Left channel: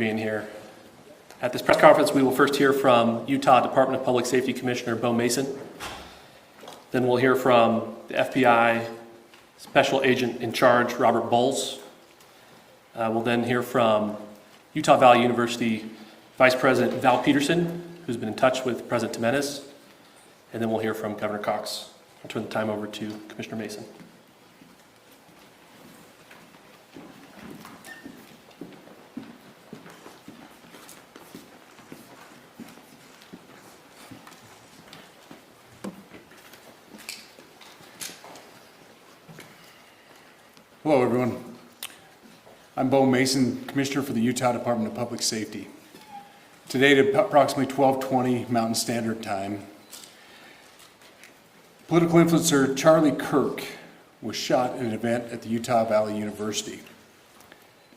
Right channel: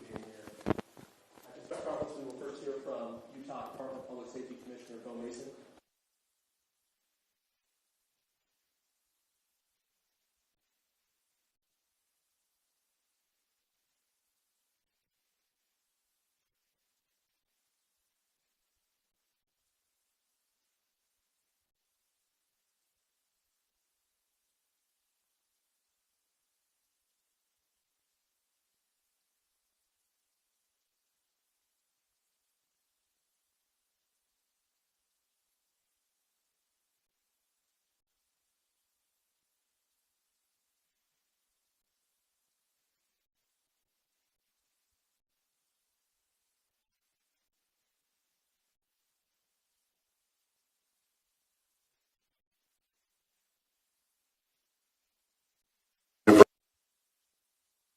being here. At this press conference, we will first hear from Utah Department of Public Safety Commissioner Bo Mason. Then we'll hear from the FBI Special Agent in Charge, Robert Bowles. We'll then hear from Utah Valley University Vice President Val Peterson, who's been in touch with President Jimenez. And then we'll hear from Governor Cox. I'll turn the time over to Commissioner Mason. Hello, everyone. I'm Bo Mason, Commissioner for the Utah Department of Public Safety. Today at approximately 12:20 Mountain Standard Time, political influencer Charlie Kirk was shot in an event at the Utah Valley University.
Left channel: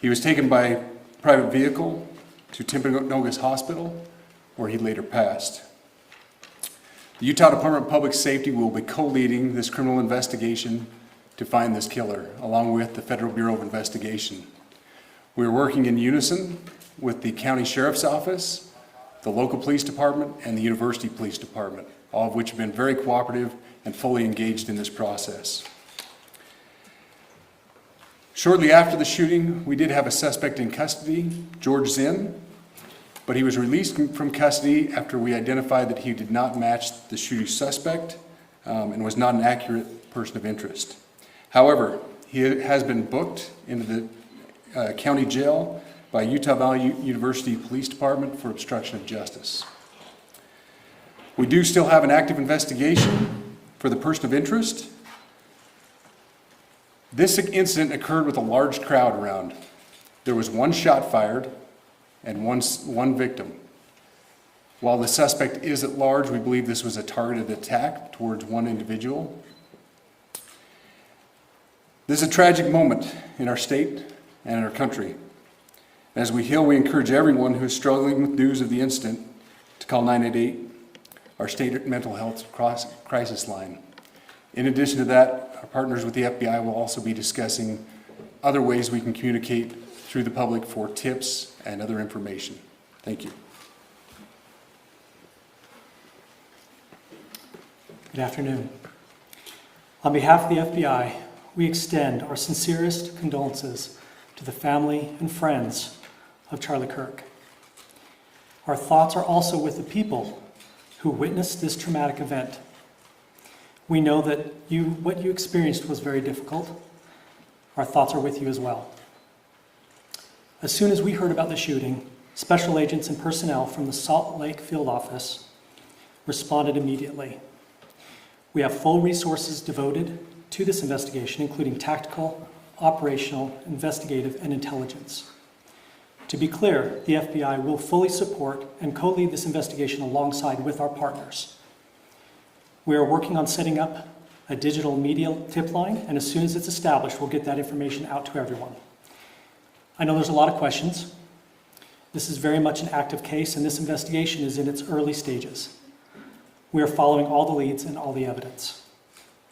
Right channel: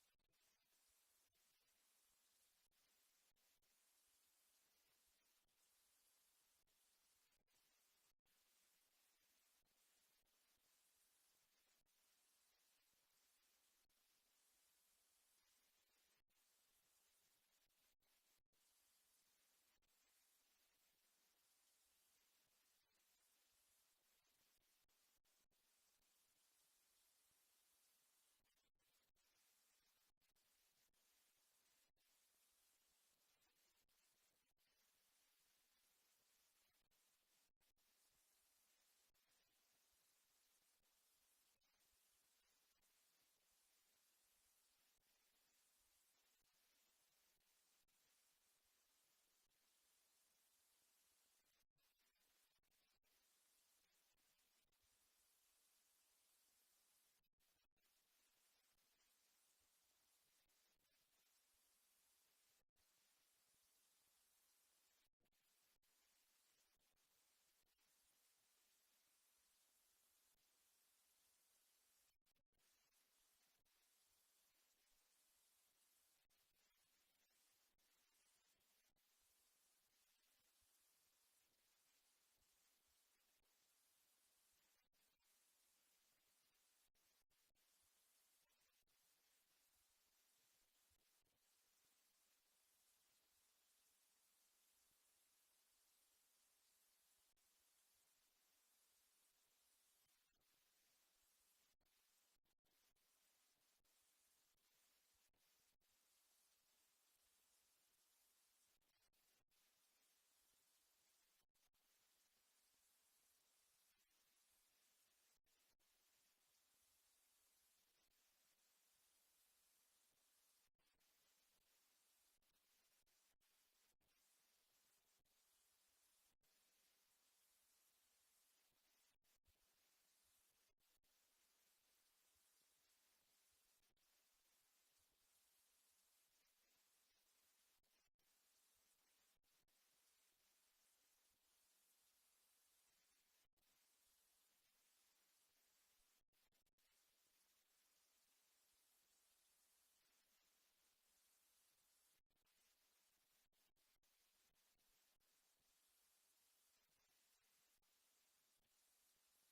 He was taken by private vehicle to Timpanogos Hospital, where he later passed. The Utah Department of Public Safety will be co-leading this criminal investigation to find this killer, along with the Federal Bureau of Investigation. We're working in unison with the County Sheriff's Office, the local police department, and the University Police Department, all of which have been very cooperative and fully engaged in this process. Shortly after the shooting, we did have a suspect in custody, George Zinn, but he was released from custody after we identified that he did not match the shooting suspect and was not an accurate person of interest. However, he has been booked into the county jail by Utah Valley University Police Department for obstruction of justice. We do still have an active investigation for the person of interest. This incident occurred with a large crowd around. There was one shot fired and one victim. While the suspect is at large, we believe this was a targeted attack towards one individual. This is a tragic moment in our state and in our country. As we heal, we encourage everyone who is struggling with news of the incident to call 988, our state mental health crisis line. In addition to that, our partners with the FBI will also be discussing other ways we can communicate through the public for tips and other information. Thank you. Good afternoon. On behalf of the FBI, we extend our sincerest condolences to the family and friends of Charlie Kirk. Our thoughts are also with the people who witnessed this traumatic event. We know that what you experienced was very difficult. Our thoughts are with you as well. As soon as we heard about the shooting, special agents and personnel from the Salt Lake Field Office responded immediately. We have full resources devoted to this investigation, including tactical, operational, investigative, and intelligence. To be clear, the FBI will fully support and co-lead this investigation alongside with our partners. We are working on setting up a digital media tip line, and as soon as it's established, we'll get that information out to everyone. I know there's a lot of questions. This is very much an active case, and this investigation is in its early stages. We are following all the leads and all the evidence.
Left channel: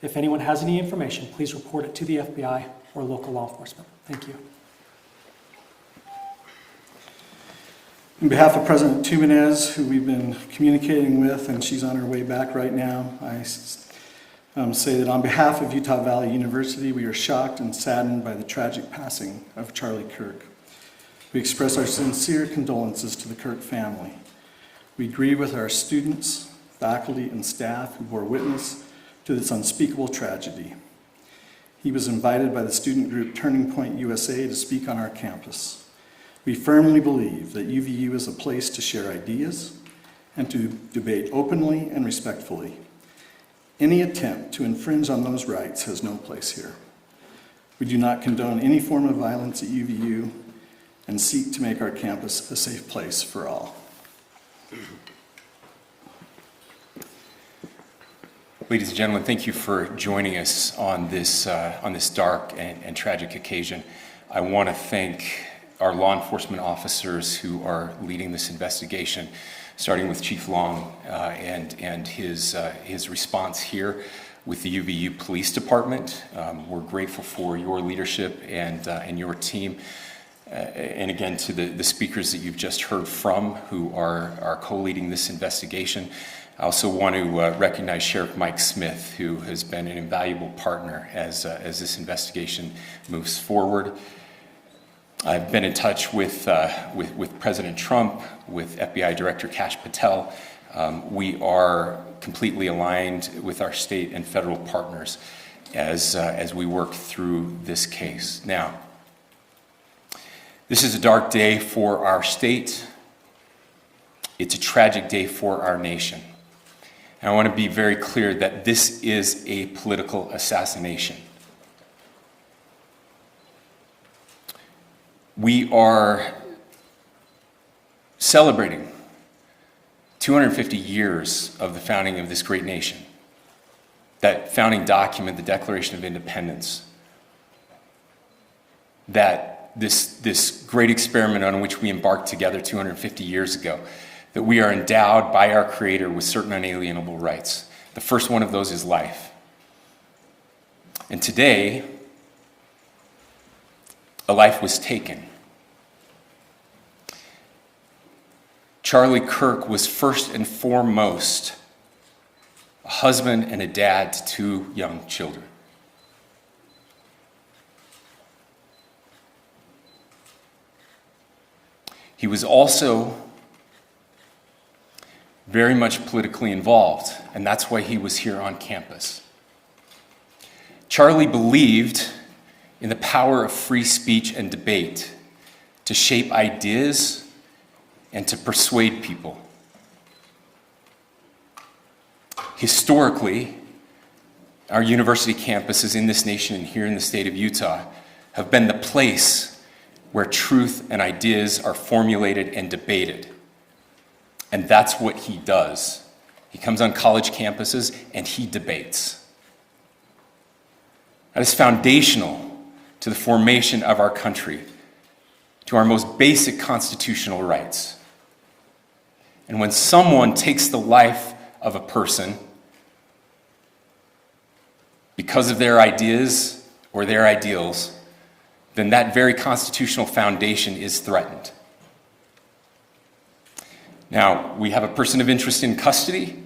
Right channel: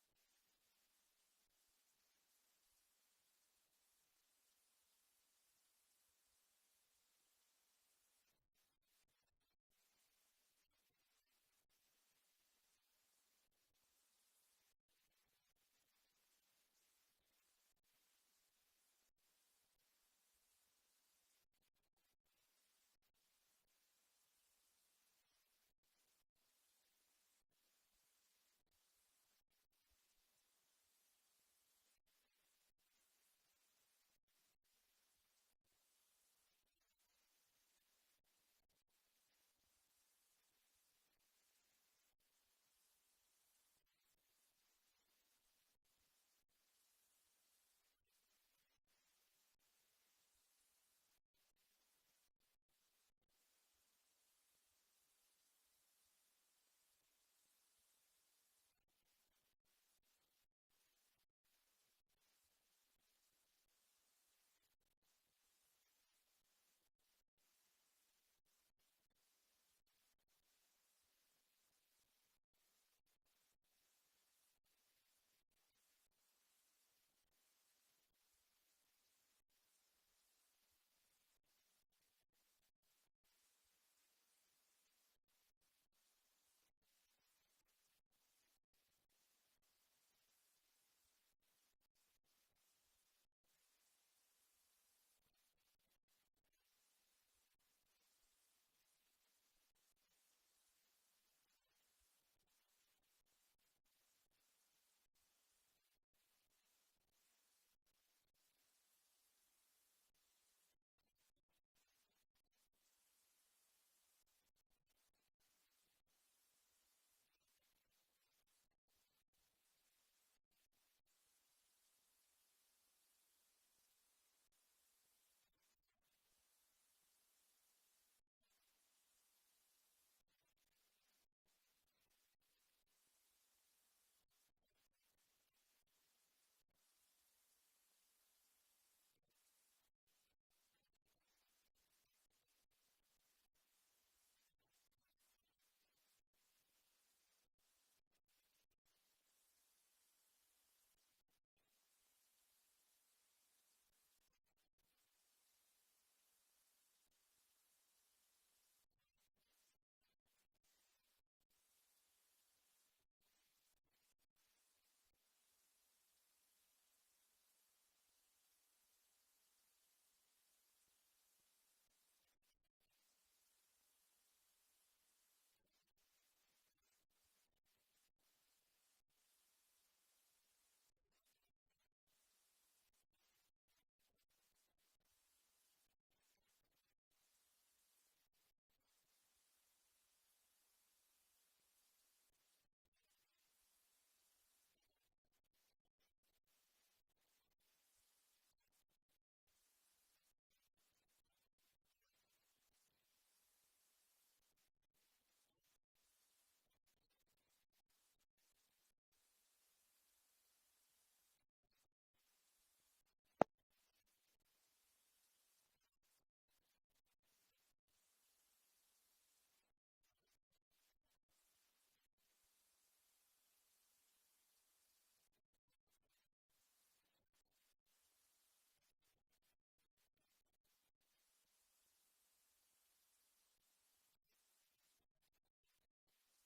If anyone has any information, please report it to the FBI or local law enforcement. Thank you. On behalf of President Jimenez, who we've been communicating with, and she's on her way back right now, I say that on behalf of Utah Valley University, we are shocked and saddened by the tragic passing of Charlie Kirk. We express our sincere condolences to the Kirk family. We grieve with our students, faculty, and staff who bore witness to this unspeakable tragedy. He was invited by the student group Turning Point USA to speak on our campus. We firmly believe that UVU is a place to share ideas and to debate openly and respectfully. Any attempt to infringe on those rights has no place here. We do not condone any form of violence at UVU and seek to make our campus a safe place for all. Ladies and gentlemen, thank you for joining us on this dark and tragic occasion. I want to thank our law enforcement officers who are leading this investigation, starting with Chief Long and his response here with the UVU Police Department. We're grateful for your leadership and your team. and again to the speakers that you've just heard from who are co-leading this investigation. I also want to recognize Sheriff Mike Smith, who has been an invaluable partner as this investigation moves forward. I've been in touch with President Trump, with FBI Director Kash Patel. We are completely aligned with our state and federal partners as we work through this case. Now, this is a dark day for our state. It's a tragic day for our nation. And I want to be very clear that this is a political assassination. We are celebrating 250 years of the founding of this great nation. That founding document, the Declaration of Independence, that this great experiment on which we embarked together 250 years ago, that we are endowed by our Creator with certain unalienable rights. The first one of those is life. And today, a life was taken. Charlie Kirk was first and foremost a husband and a dad to two young children. He was also very much politically involved, and that's why he was here on campus. Charlie believed in the power of free speech and debate to shape ideas and to persuade people. Historically, our university campuses in this nation and here in the state of Utah have been the place where truth and ideas are formulated and debated. And that's what he does. He comes on college campuses and he debates. That is foundational to the formation of our country, to our most basic constitutional rights. And when someone takes the life of a person because of their ideas or their ideals, then that very constitutional foundation is threatened. Now, we have a person of interest in custody.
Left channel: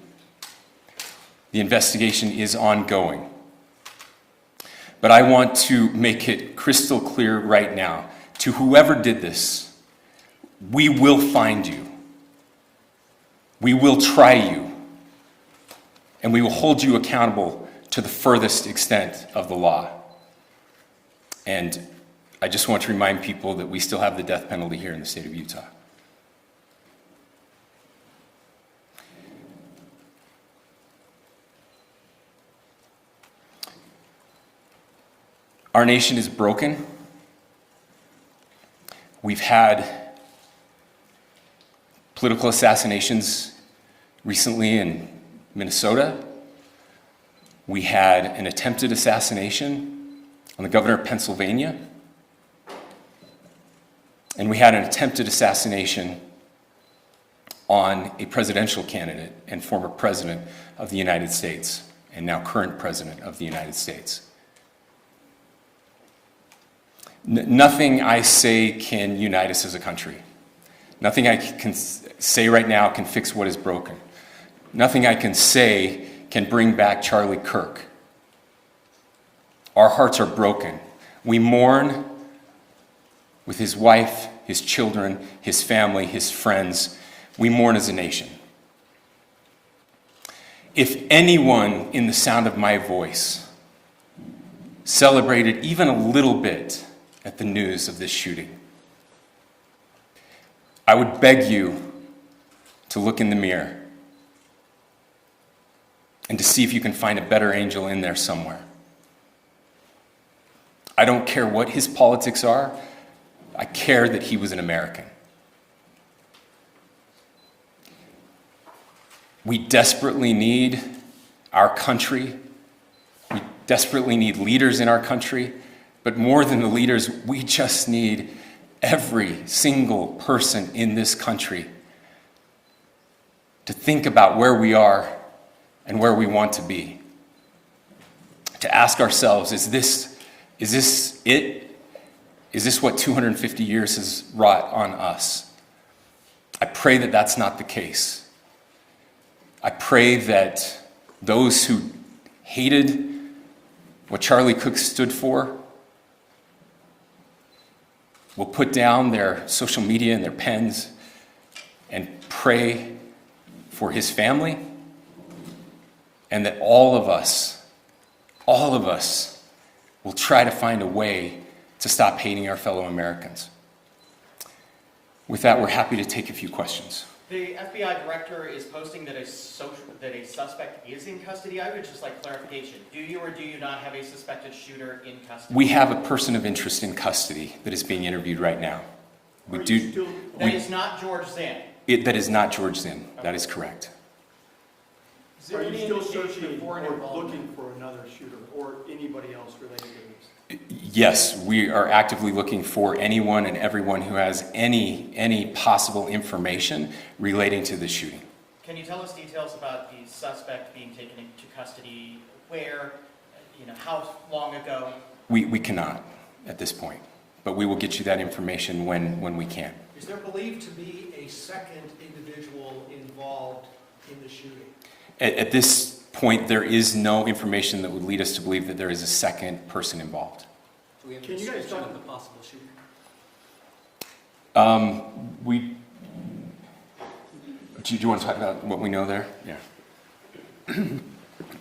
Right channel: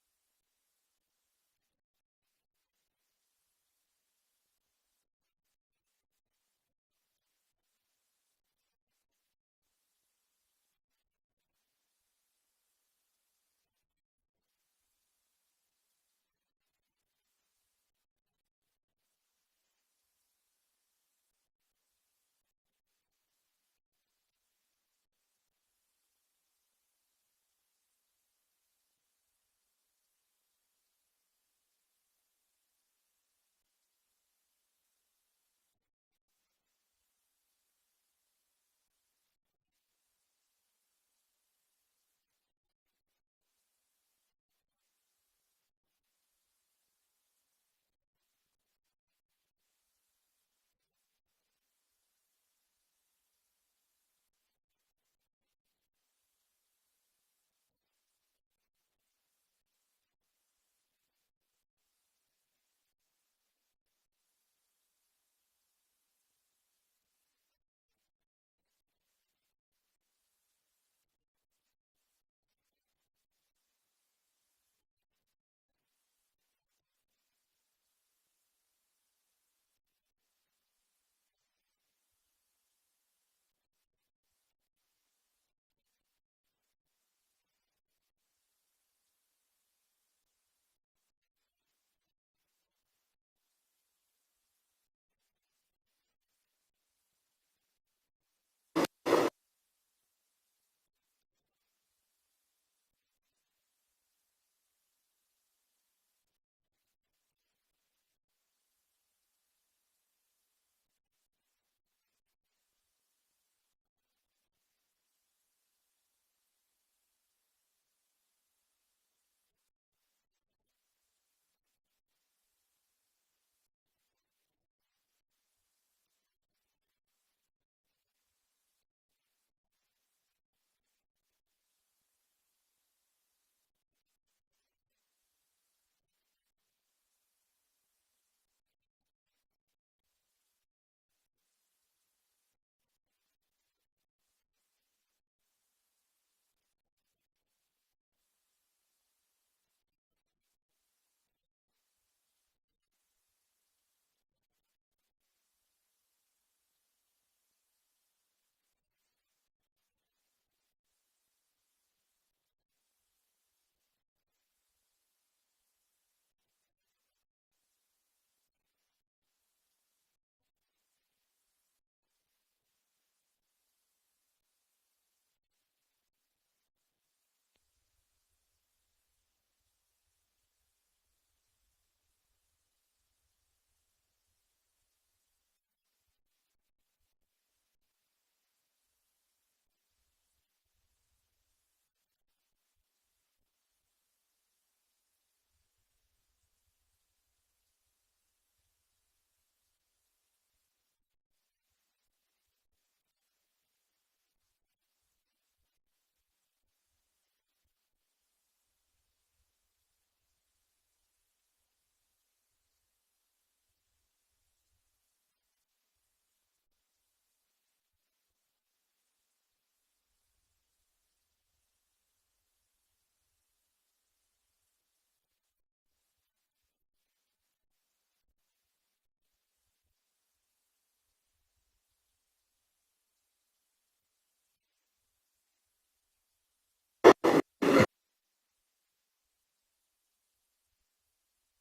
The investigation is ongoing. But I want to make it crystal clear right now, to whoever did this, we will find you. We will try you. And we will hold you accountable to the furthest extent of the law. And I just want to remind people that we still have the death penalty here in the state of Utah. Our nation is broken. We've had political assassinations recently in Minnesota. We had an attempted assassination on the governor of Pennsylvania. And we had an attempted assassination on a presidential candidate and former president of the United States, and now current president of the United States. Nothing I say can unite us as a country. Nothing I can say right now can fix what is broken. Nothing I can say can bring back Charlie Kirk. Our hearts are broken. We mourn with his wife, his children, his family, his friends. We mourn as a nation. If anyone in the sound of my voice celebrated even a little bit at the news of this shooting, I would beg you to look in the mirror and to see if you can find a better angel in there somewhere. I don't care what his politics are. I care that he was an American. We desperately need our country. We desperately need leaders in our country. But more than the leaders, we just need every single person in this country to think about where we are and where we want to be. To ask ourselves, is this it? Is this what 250 years has wrought on us? I pray that that's not the case. I pray that those who hated what Charlie Kirk stood for will put down their social media and their pens and pray for his family, and that all of us will try to find a way to stop hating our fellow Americans. With that, we're happy to take a few questions. The FBI director is posting that a suspect is in custody. I would just like clarification. Do you or do you not have a suspected shooter in custody? We have a person of interest in custody that is being interviewed right now. That is not George Zinn. That is not George Zinn. That is correct. Is there any indication or looking for another shooter or anybody else related to this? Yes, we are actively looking for anyone and everyone who has any possible information relating to this shooting. Can you tell us details about the suspect being taken into custody? Where? How long ago? We cannot at this point, but we will get you that information when we can. Is there believed to be a second individual involved in the shooting? At this point, there is no information that would lead us to believe that there is a second person involved. Can you guys talk about the possible shooter? Do you want to talk about what we know there? Yeah.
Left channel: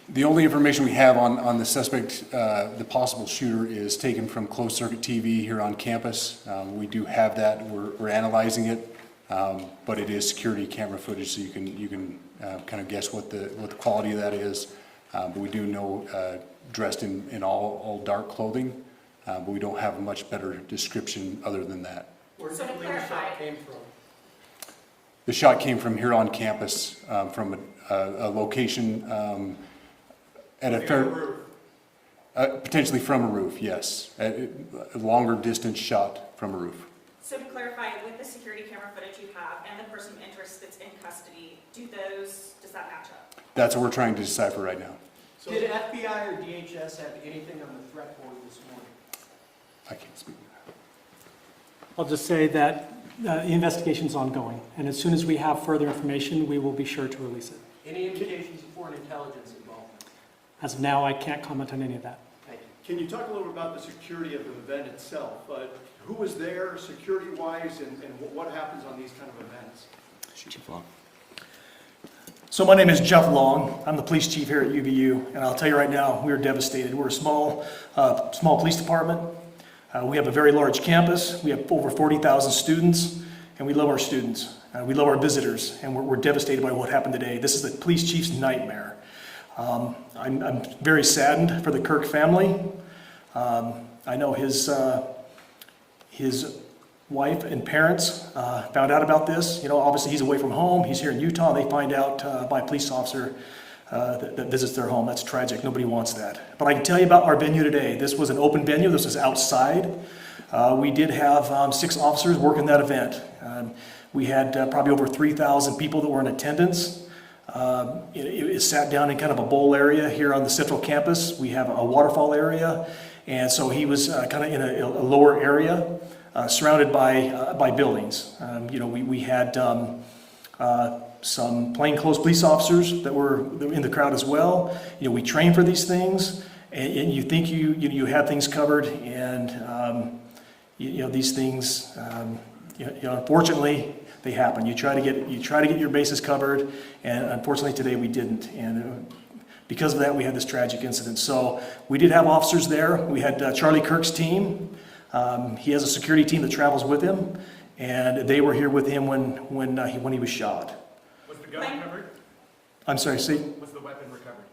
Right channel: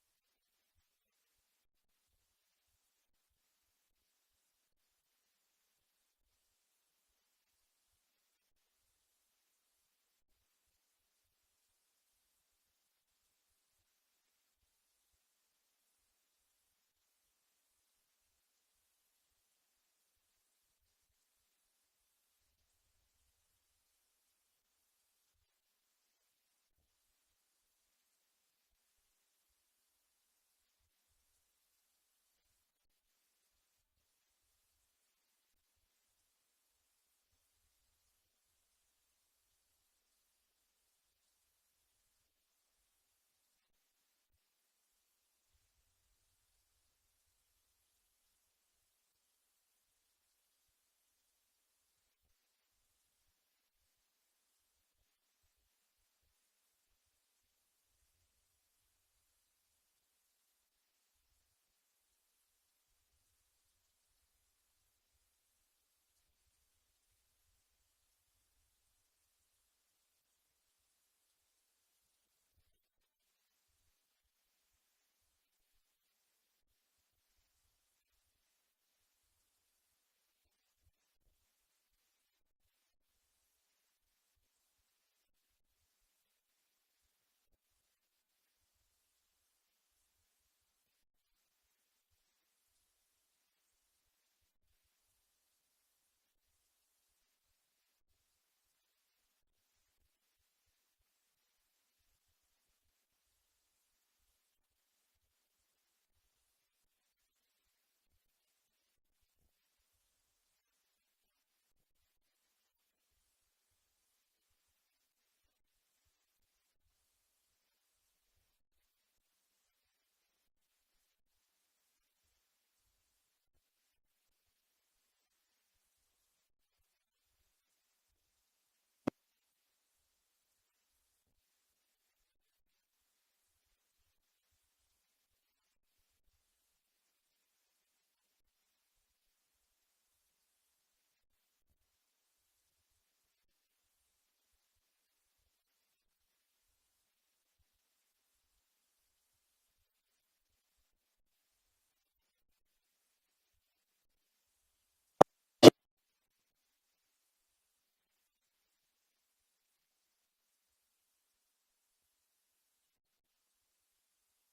The only information we have on the suspect, the possible shooter, is taken from closed-circuit TV here on campus. We do have that. We're analyzing it, but it is security camera footage, so you can kind of guess what the quality of that is. But we do know dressed in all dark clothing, but we don't have a much better description other than that. Where do you believe the shot came from? The shot came from here on campus, from a location at a fair, potentially from a roof, yes. A longer distance shot from a roof. So to clarify, with the security camera footage you have and the person of interest that's in custody, does that match up? That's what we're trying to decipher right now. So did FBI or DHS have anything on the threat board this morning? I can't speak. I'll just say that the investigation's ongoing, and as soon as we have further information, we will be sure to release it. Any indications of foreign intelligence involvement? As of now, I can't comment on any of that. Thank you. Can you talk a little about the security of the event itself? Who was there security-wise and what happens on these kind of events? Chief Long. So my name is Jeff Long. I'm the police chief here at UVU, and I'll tell you right now, we are devastated. We're a small police department. We have a very large campus. We have over 40,000 students, and we love our students. We love our visitors, and we're devastated by what happened today. This is the police chief's nightmare. I'm very saddened for the Kirk family. I know his wife and parents found out about this. Obviously he's away from home. He's here in Utah. They find out by a police officer that visits their home. That's tragic. Nobody wants that. But I can tell you about our venue today. This was an open venue. This was outside. We did have 6 officers working that event. We had probably over 3,000 people that were in attendance. It sat down in kind of a bowl area here on the central campus. We have a waterfall area. And so he was kind of in a lower area, surrounded by buildings. We had some plainclothes police officers that were in the crowd as well. We train for these things, and you think you have things covered, and these things, unfortunately, they happen. You try to get your bases covered, and unfortunately today we didn't. And because of that, we had this tragic incident. So we did have officers there. We had Charlie Kirk's team. He has a security team that travels with him, and they were here with him when he was shot. Was the gun recovered? I'm sorry, see? Was the weapon recovered?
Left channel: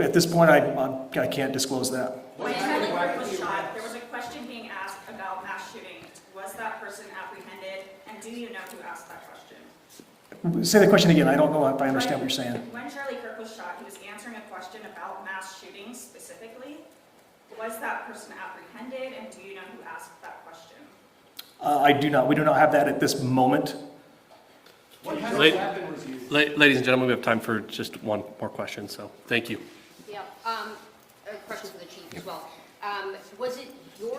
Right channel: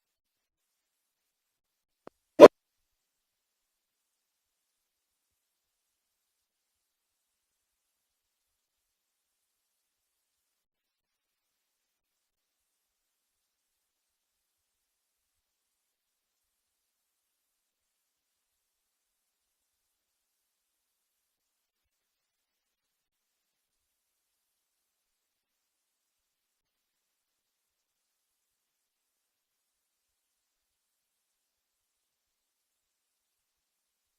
At this point, I can't disclose that. When Charlie Kirk was shot, there was a question being asked about mass shooting. Was that person apprehended, and do you know who asked that question? Say the question again. I don't know if I understand what you're saying. When Charlie Kirk was shot, he was answering a question about mass shootings specifically. Was that person apprehended, and do you know who asked that question? I do not. We do not have that at this moment. What kind of Late- weapon was used? Ladies and gentlemen, we have time for just one more question, so thank you. Yeah, a question for the chief as well. Was it your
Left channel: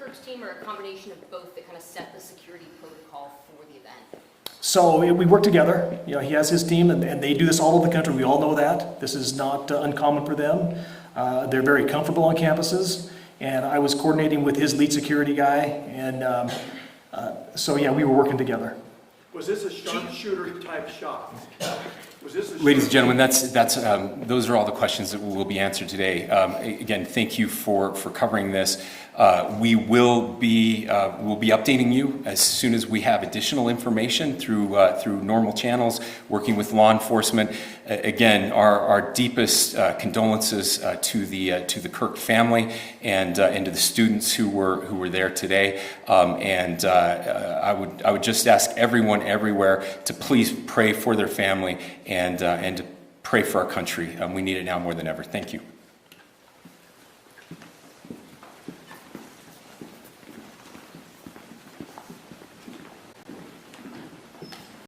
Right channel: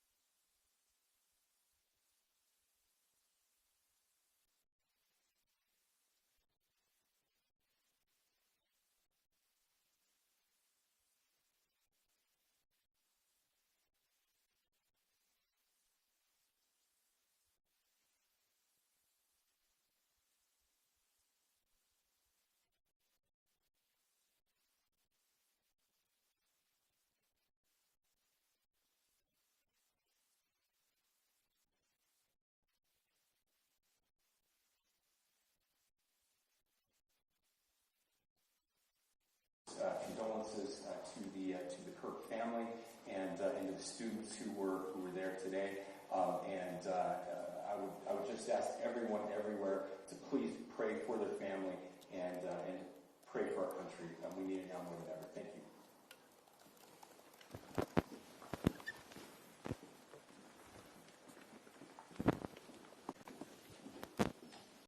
Kirk's team or a combination of both that kind of set the security protocol for the event? So we work together. You know, he has his team, and they do this all over the country. We all know that. This is not uncommon for them. They're very comfortable on campuses, and I was coordinating with his lead security guy, and so yeah, we were working together. Was this a sharpshooter type shot? Was this a Ladies and gentlemen, those are all the questions that will be answered today. Again, thank you for covering this. We will be updating you as soon as we have additional information through normal channels, working with law enforcement. Again, our deepest condolences to the Kirk family and to the students who were there today. I would just ask everyone everywhere to please pray for their family and to pray for our country. We need it now more than ever. Thank you.